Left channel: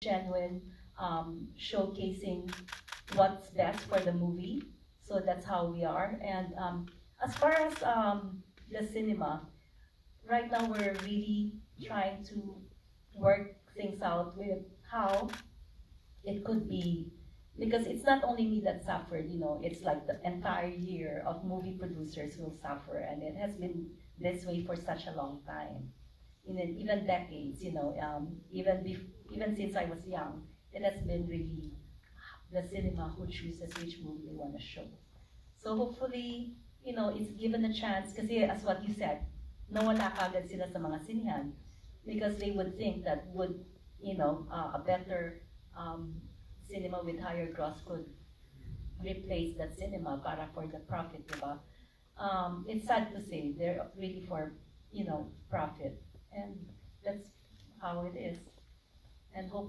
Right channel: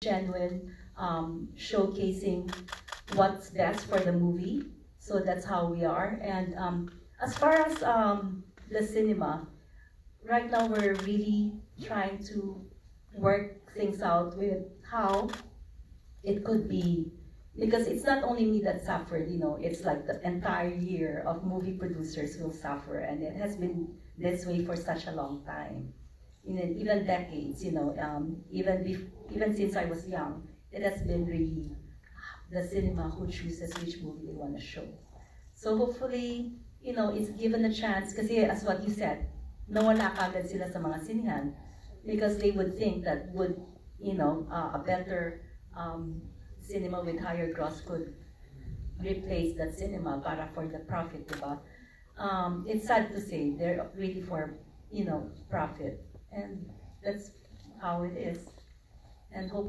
genuine, showcasing what's best for the movie. So that's how we are. And as far as the cinema, right now we're really trying to work things out with how it could be, because it's not only me that suffered, it's like the entire year of movie producers will suffer, and it has been this way for such a long time, even decades, even since I was young, it has been really the cinema who chooses which movie they want to show. So hopefully, it's given a chance, kasi as what you said, nawala agad sila sa mga sinihan because they would think that a better cinema with higher gross could replace that cinema para for the profit, diba? It's sad to say they're really for, profit, and that's how it is. And hope